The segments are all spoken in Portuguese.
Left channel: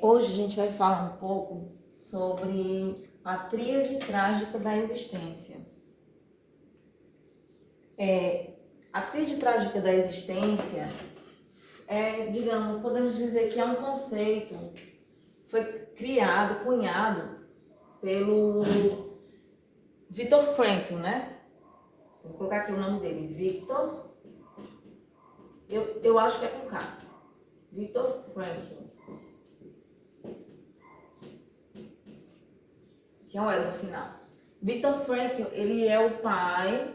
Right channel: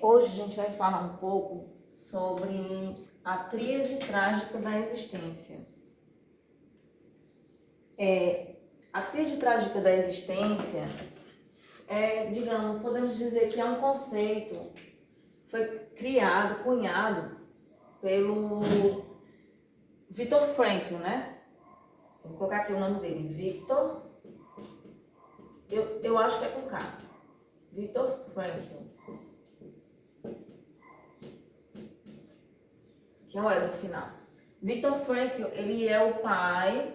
Hoje a gente vai falar um pouco sobre a tríade trágica da existência. A tríade trágica da existência podemos dizer que é um conceito, foi criado, cunhado pelo Viktor Frankl, né? Vou colocar aqui o nome dele, Viktor, eu acho que é com K, Viktor Frankl, que é o E no final. Viktor Frankl, ele é o pai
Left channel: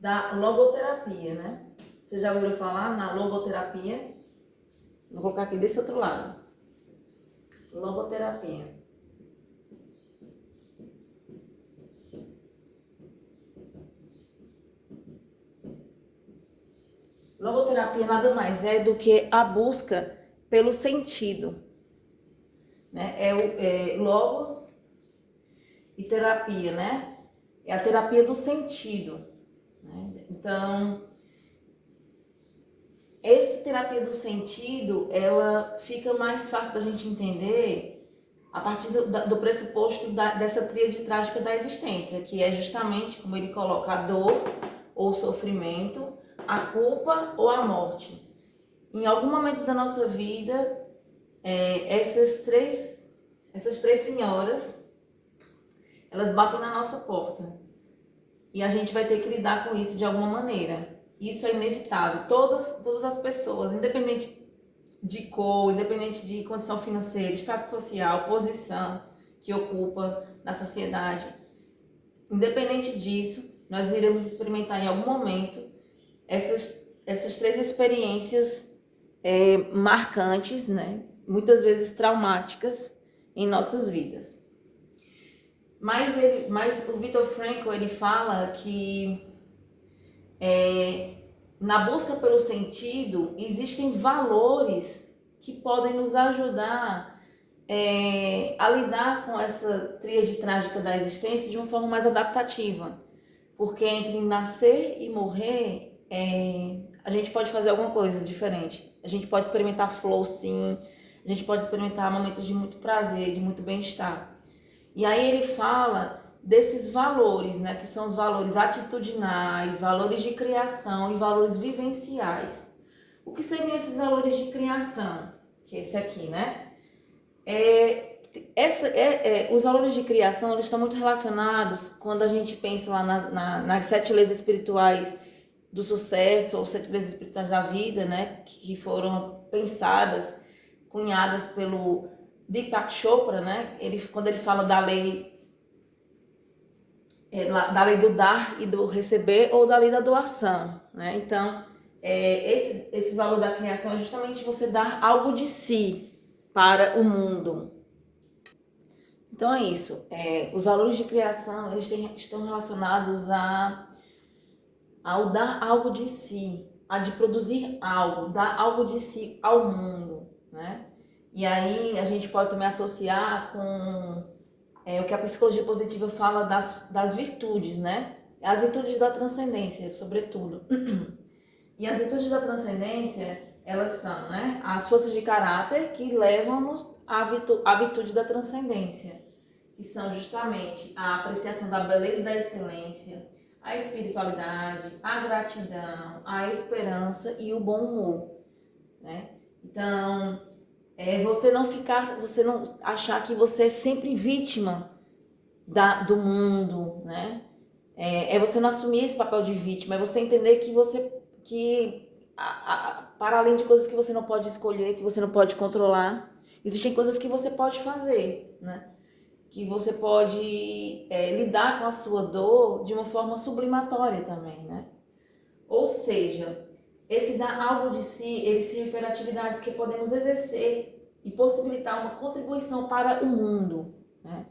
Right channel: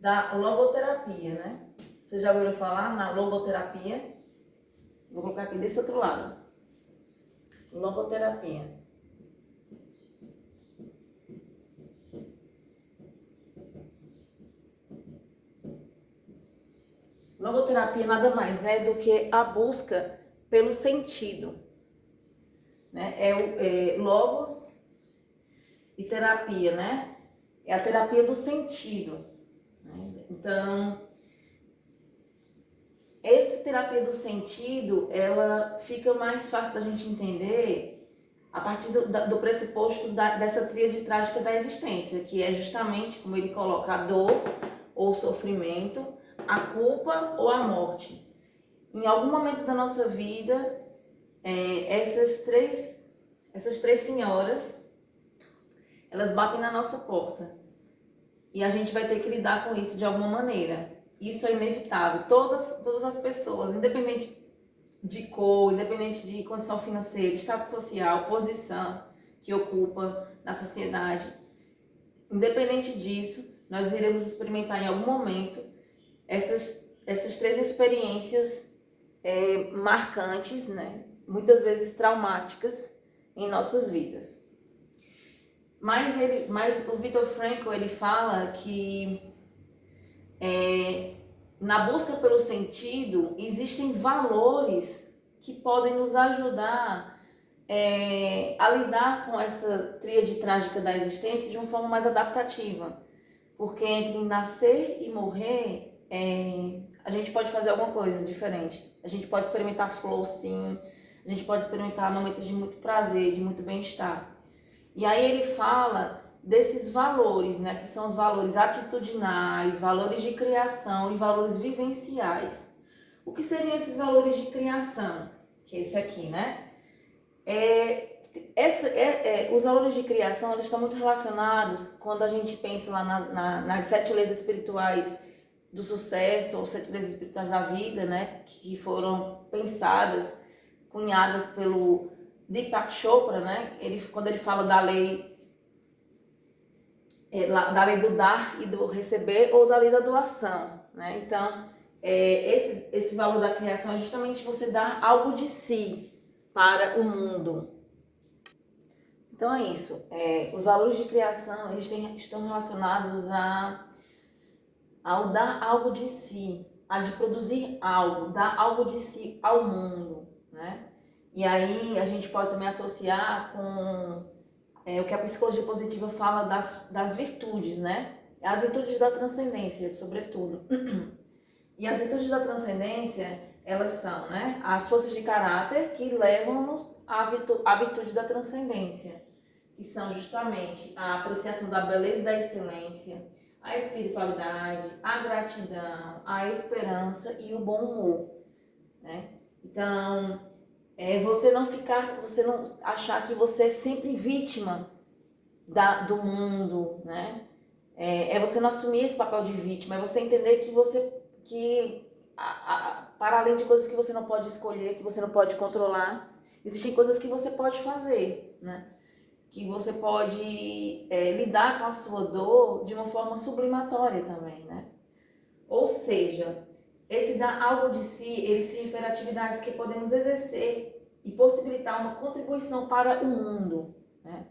da logoterapia, né? Vocês já ouviram falar na logoterapia? Vou colocar aqui desse outro lado. Logoterapia. Logoterapia nada mais é do que a busca pelo sentido, né? Logos e terapia, né? É a terapia do sentido, né? Então, essa terapia do sentido, ela fica mais fácil da gente entender a partir do pressuposto dessa tríade trágica da existência, que é justamente, como ele coloca, a dor ou sofrimento, a culpa ou a morte. Em algum momento da nossa vida, essas três senhoras, elas batem na nossa porta. E a gente vai ter que lidar com isso de alguma maneira. Isso é inevitável. Todas as pessoas, independente de cor, independente de condição financeira, status social, posição que ocupa na sociedade, independente disso, nós iremos experimentar em algum momento essas três experiências marcantes, né? Muitas vezes traumáticas em nossas vidas. Mas o Viktor Frankl, ele fala que na busca pelo sentido existem valores que podem nos ajudar a lidar com essa tríade trágica da existência de uma forma mais adaptativa. Porque entre nascer e morrer, a gente pode fazer alguma coisa diferente. A gente pode experimentar flow, sim. A gente pode experimentar momentos de muito prazer, de muito bem-estar. E aí ele fala desses valores, né, que são os valores atitudinais, valores de criação e valores vivenciais. O que seriam esses valores de criação? Que é esse aqui, né? Os valores de criação, eles estão muito relacionados quando a gente pensa lá nas 7 leis espirituais do sucesso, ou 7 leis espirituais da vida, né, que foram pensadas, cunhadas pelo Deepak Chopra, né? Quando ele fala da lei do dar e do receber, ou da lei da doação, né? Então, esse valor da criação é justamente você dar algo de si para o mundo. Então é isso. Os valores de criação, eles estão relacionados ao dar algo de si, a de produzir algo, dar algo de si ao mundo, né? E aí a gente pode também associar com o que a psicologia positiva fala das virtudes, né? As virtudes da transcendência, sobretudo. E as virtudes da transcendência, elas são, né, as forças de caráter que levam-nos à virtude da transcendência, que são justamente a apreciação da beleza e da excelência, a espiritualidade, a gratidão, a esperança e o bom humor, né? Então, você não achar que você é sempre vítima do mundo, né? Você não assumir esse papel de vítima, é você entender para além de coisas que você não pode escolher, que você não pode controlar, existem coisas que você pode fazer, né? Que você pode lidar com a sua dor de uma forma sublimatória também, né? Ou seja, esse dar algo de si, ele se refere a atividades que podemos exercer e possibilitar uma contribuição para o mundo, né?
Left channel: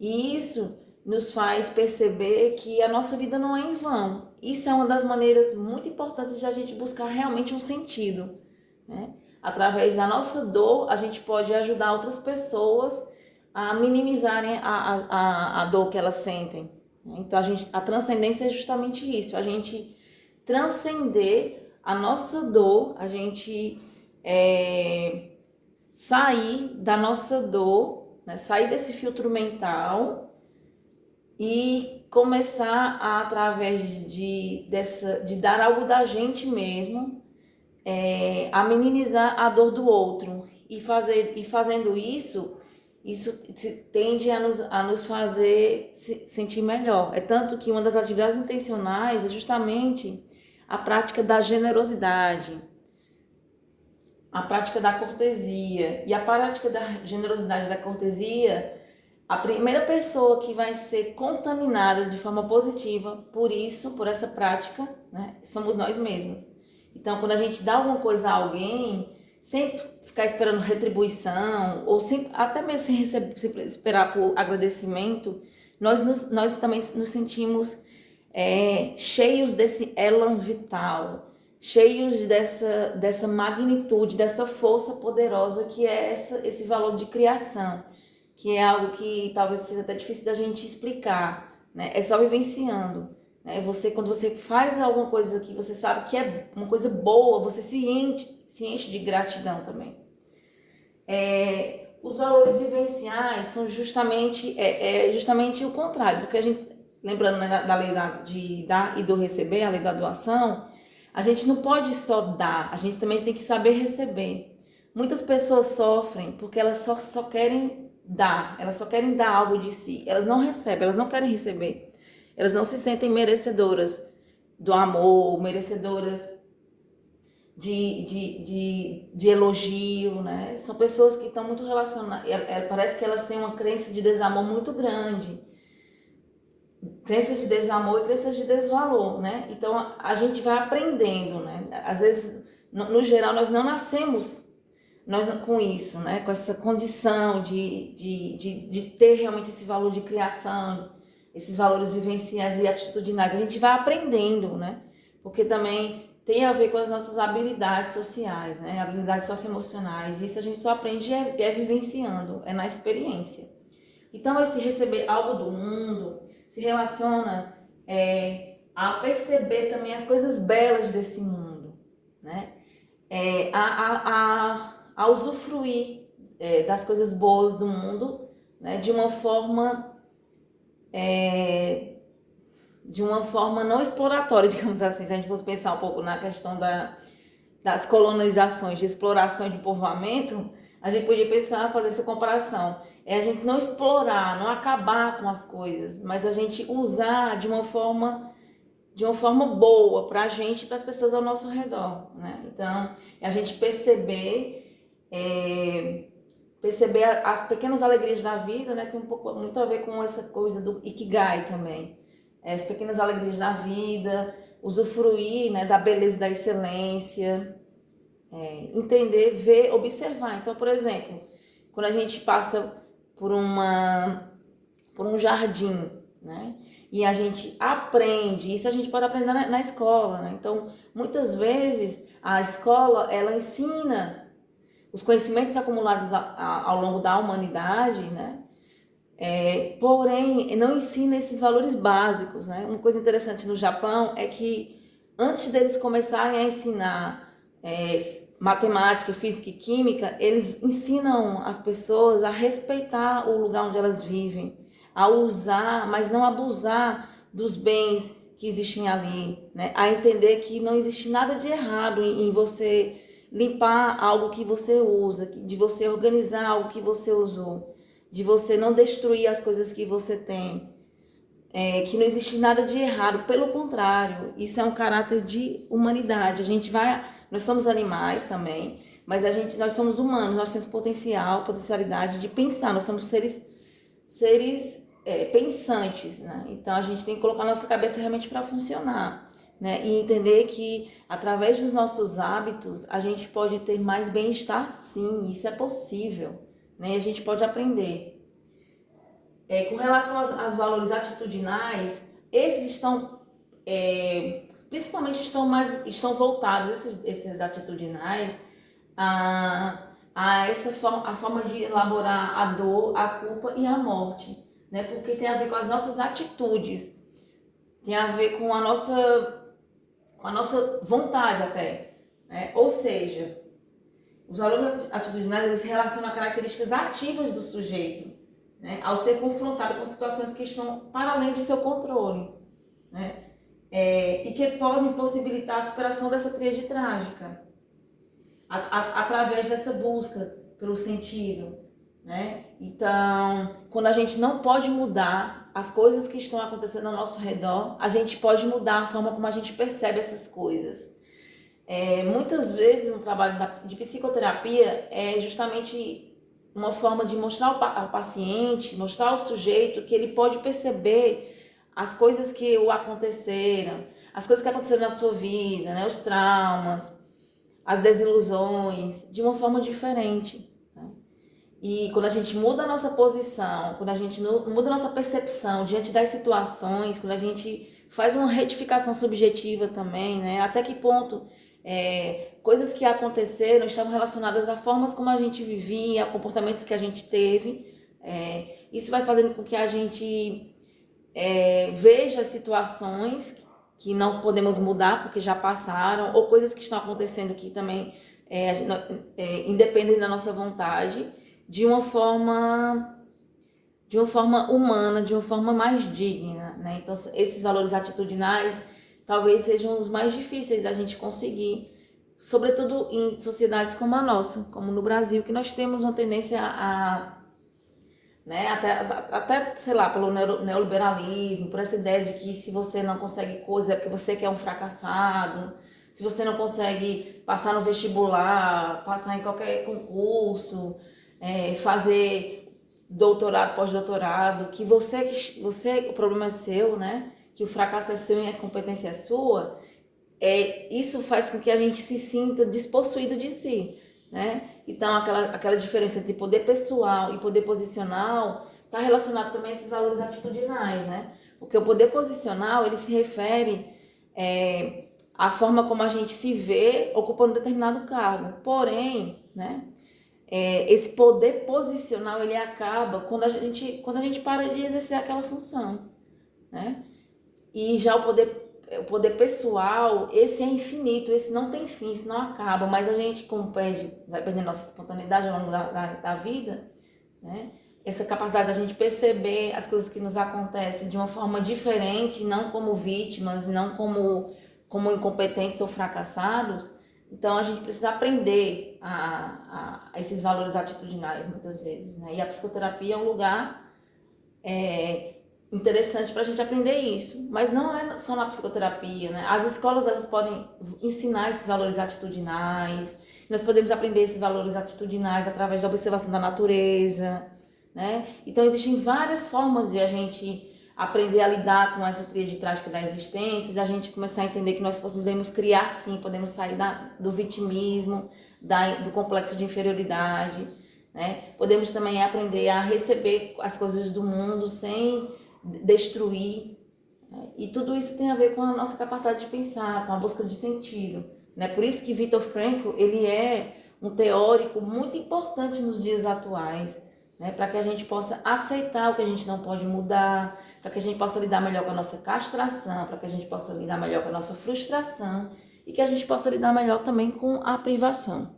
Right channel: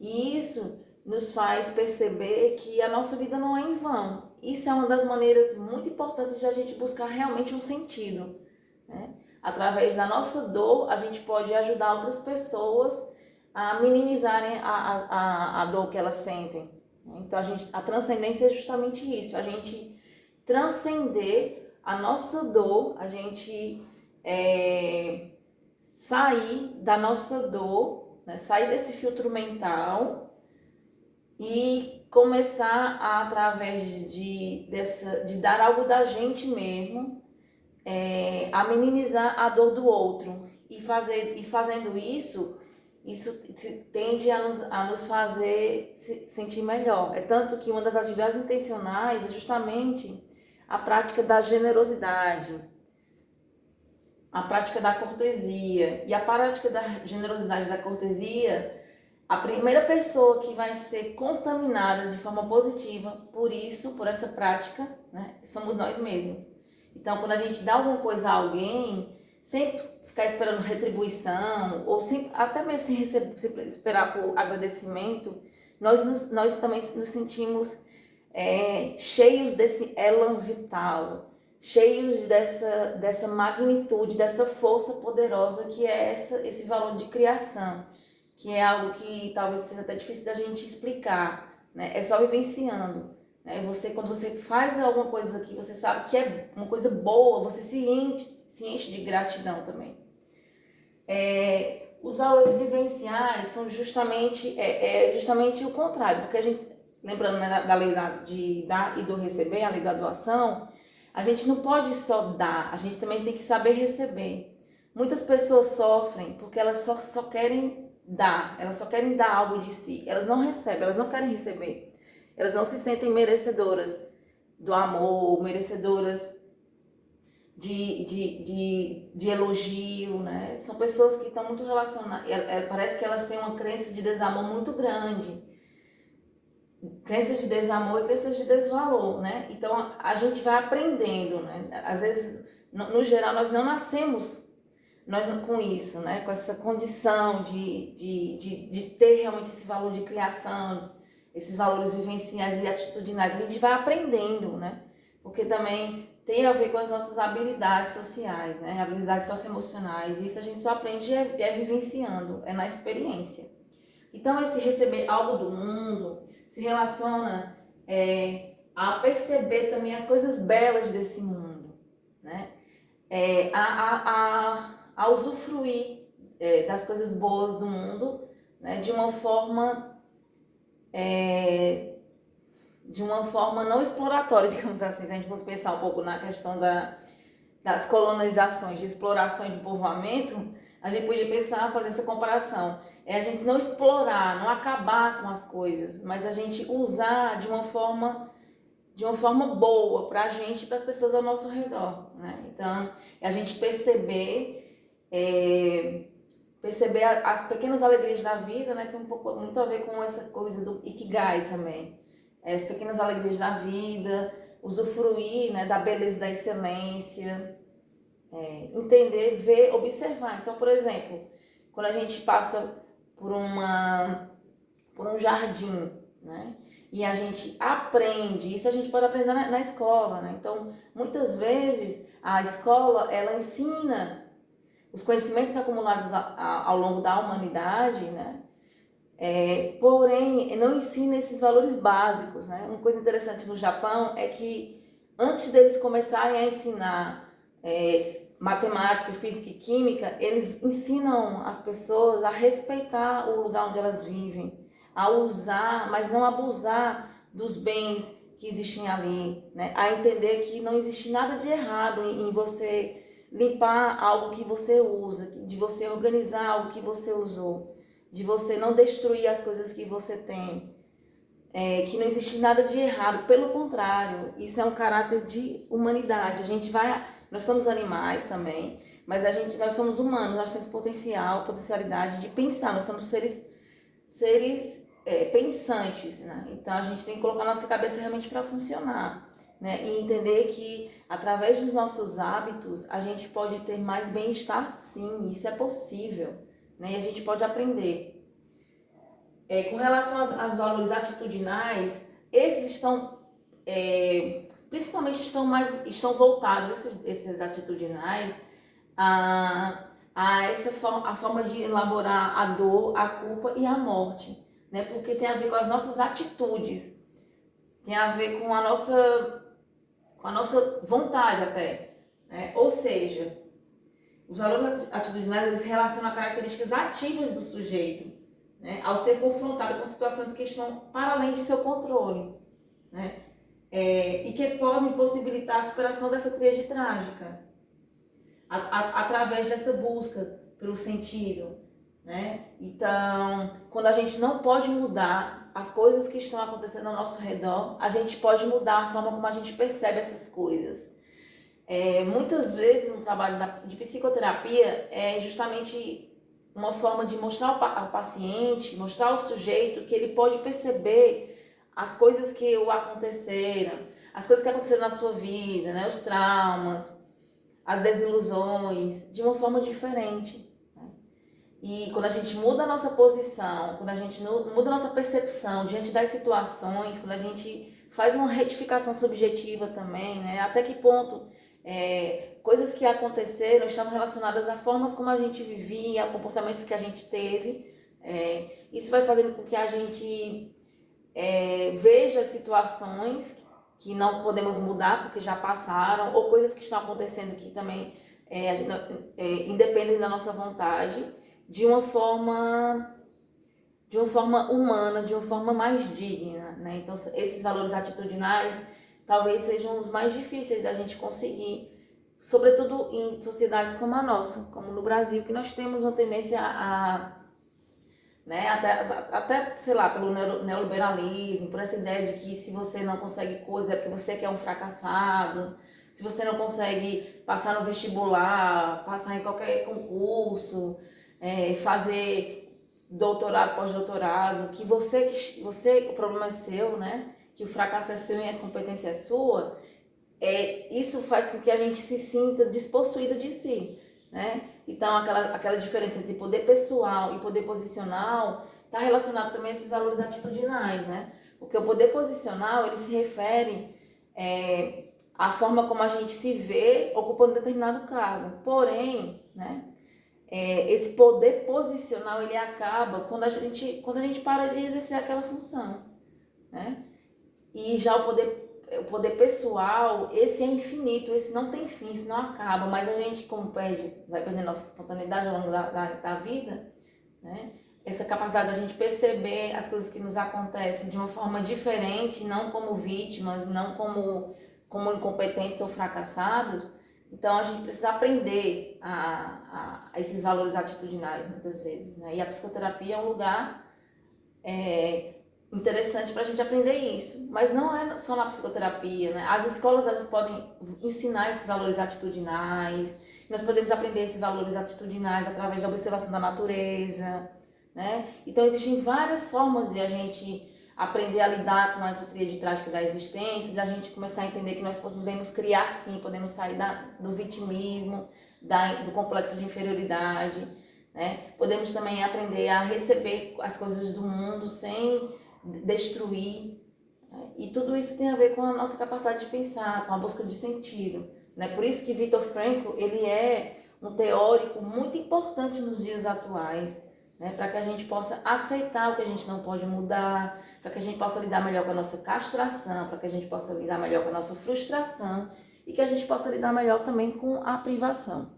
E isso nos faz perceber que a nossa vida não é em vão. Isso é uma das maneiras muito importantes de a gente buscar realmente um sentido, né? Através da nossa dor, a gente pode ajudar outras pessoas a minimizarem a dor que elas sentem. Então, a transcendência é justamente isso, a gente transcender a nossa dor, a gente sair da nossa dor, né? Sair desse filtro mental e começar a, através de dar algo da gente mesmo, a minimizar a dor do outro. E fazendo isso tende a nos fazer se sentir melhor. É tanto que uma das atividades intencionais é justamente a prática da generosidade, a prática da cortesia. E a prática da generosidade e da cortesia, a primeira pessoa que vai ser contaminada de forma positiva por isso, por essa prática, né, somos nós mesmos. Então, quando a gente dá alguma coisa a alguém, sempre ficar esperando retribuição, ou sempre, até mesmo sem esperar por agradecimento, nós também nos sentimos cheios desse elan vital, cheios dessa magnitude, dessa força poderosa que é esse valor de criação, que é algo que talvez seja até difícil da gente explicar, né? É só vivenciando. Quando você faz alguma coisa que você sabe que é uma coisa boa, você se enche de gratidão também. Os valores vivenciais são justamente o contrário, porque a gente, lembrando, né, da lei de dar e do receber, a lei da doação, a gente não pode só dar, a gente também tem que saber receber. Muitas pessoas sofrem porque elas só querem dar, elas só querem dar algo de si, elas não recebem, elas não querem receber. Elas não se sentem merecedoras do amor, merecedoras de elogio, né? São pessoas que estão muito relacionadas, parece que elas têm uma crença de desamor muito grande, crenças de desamor e crenças de desvalor, né? Então a gente vai aprendendo, né? Às vezes, no geral, nós não nascemos com isso, né? Com essa condição de ter realmente esse valor de criação, esses valores vivenciais e atitudinais. A gente vai aprendendo, né? Porque também tem a ver com as nossas habilidades sociais, né? Habilidades socioemocionais. Isso a gente só aprende vivenciando, é na experiência. Então, esse receber algo do mundo se relaciona a perceber também as coisas belas desse mundo, né? A usufruir das coisas boas do mundo, né? De uma forma não exploratória, digamos assim. Se a gente fosse pensar um pouco na questão das colonizações, de exploração e de povoamento, a gente podia pensar, fazer essa comparação. É a gente não explorar, não acabar com as coisas, mas a gente usar de uma forma boa para a gente e para as pessoas ao nosso redor, né? Então, a gente perceber as pequenas alegrias da vida, né? Tem muito a ver com essa coisa do Ikigai também. As pequenas alegrias da vida, usufruir, né, da beleza, da excelência, entender, ver, observar. Então, por exemplo, quando a gente passa por um jardim, né? E a gente aprende, isso a gente pode aprender na escola, né? Então, muitas vezes, a escola, ela ensina os conhecimentos acumulados ao longo da humanidade, né? Porém, não ensina esses valores básicos, né? Uma coisa interessante no Japão é que antes deles começarem a ensinar matemática, física e química, eles ensinam as pessoas a respeitar o lugar onde elas vivem, a usar, mas não abusar dos bens que existem ali, né? A entender que não existe nada de errado em você limpar algo que você usa, de você organizar algo que você usou, de você não destruir as coisas que você tem, que não existe nada de errado, pelo contrário, isso é um caráter de humanidade. Nós somos animais também, mas nós somos humanos, nós temos potencialidade de pensar, nós somos seres pensantes, né? Então a gente tem que colocar a nossa cabeça realmente para funcionar, né? E entender que através dos nossos hábitos a gente pode ter mais bem-estar, sim, isso é possível, né? E a gente pode aprender. Com relação aos valores atitudinais, esses principalmente estão voltados, esses atitudinais, a forma de elaborar a dor, a culpa e a morte, né? Porque tem a ver com as nossas atitudes, tem a ver com a nossa vontade até, né? Ou seja, Os valores atitudinais, eles se relacionam a características ativas do sujeito, né, ao ser confrontado com situações que estão para além de seu controle, né, e que podem possibilitar a superação dessa tríade trágica, através dessa busca pelo sentido, né? Então, quando a gente não pode mudar as coisas que estão acontecendo ao nosso redor, a gente pode mudar a forma como a gente percebe essas coisas. Muitas vezes um trabalho de psicoterapia é justamente uma forma de mostrar ao paciente, mostrar ao sujeito que ele pode perceber as coisas que o aconteceram, as coisas que aconteceram na sua vida, né? Os traumas, as desilusões, de uma forma diferente. Né? E quando a gente muda a nossa posição, quando a gente muda a nossa percepção diante das situações, quando a gente faz uma retificação subjetiva também, né? Até que ponto coisas que aconteceram estavam relacionadas a formas como a gente vivia, a comportamentos que a gente teve. Isso vai fazendo com que a gente veja situações que não podemos mudar porque já passaram, ou coisas que estão acontecendo que também independem da nossa vontade, de uma forma humana, de uma forma mais digna, né? Então, esses valores atitudinais talvez sejam os mais difíceis da gente conseguir, sobretudo em sociedades como a nossa, como no Brasil, que nós temos uma tendência né, até, sei lá, pelo neoliberalismo, por essa ideia de que se você não consegue coisa é porque você que é um fracassado, se você não consegue passar no vestibular, passar em qualquer concurso, fazer doutorado, pós-doutorado, que o problema é seu, né? Que o fracasso é seu e a competência é sua, isso faz com que a gente se sinta despossuído de si, né? Então, aquela diferença entre poder pessoal e poder posicional está relacionado também a esses valores atitudinais, né? Porque o poder posicional, ele se refere à forma como a gente se vê ocupando determinado cargo. Porém, né, esse poder posicional, ele acaba quando a gente para de exercer aquela função, né? E já o poder pessoal, esse é infinito, esse não tem fim, esse não acaba, mas a gente, como vai perdendo nossa espontaneidade ao longo da vida, né? Essa capacidade da gente perceber as coisas que nos acontecem de uma forma diferente, não como vítimas, não como incompetentes ou fracassados. Então a gente precisa aprender a esses valores atitudinais muitas vezes, né? E a psicoterapia é um lugar interessante para a gente aprender isso, mas não é só na psicoterapia, né? As escolas, elas podem ensinar esses valores atitudinais, nós podemos aprender esses valores atitudinais através da observação da natureza, né? Então existem várias formas de a gente aprender a lidar com essa tríade trágica da existência, da gente começar a entender que nós podemos criar sim, podemos sair do vitimismo, do complexo de inferioridade, né? Podemos também aprender a receber as coisas do mundo sem destruir, né? E tudo isso tem a ver com a nossa capacidade de pensar, com a busca de sentido, né? Por isso que Viktor Frankl, ele é um teórico muito importante nos dias atuais, né? Para que a gente possa aceitar o que a gente não pode mudar, para que a gente possa lidar melhor com a nossa castração, para que a gente possa lidar melhor com a nossa frustração e que a gente possa lidar melhor também com a privação.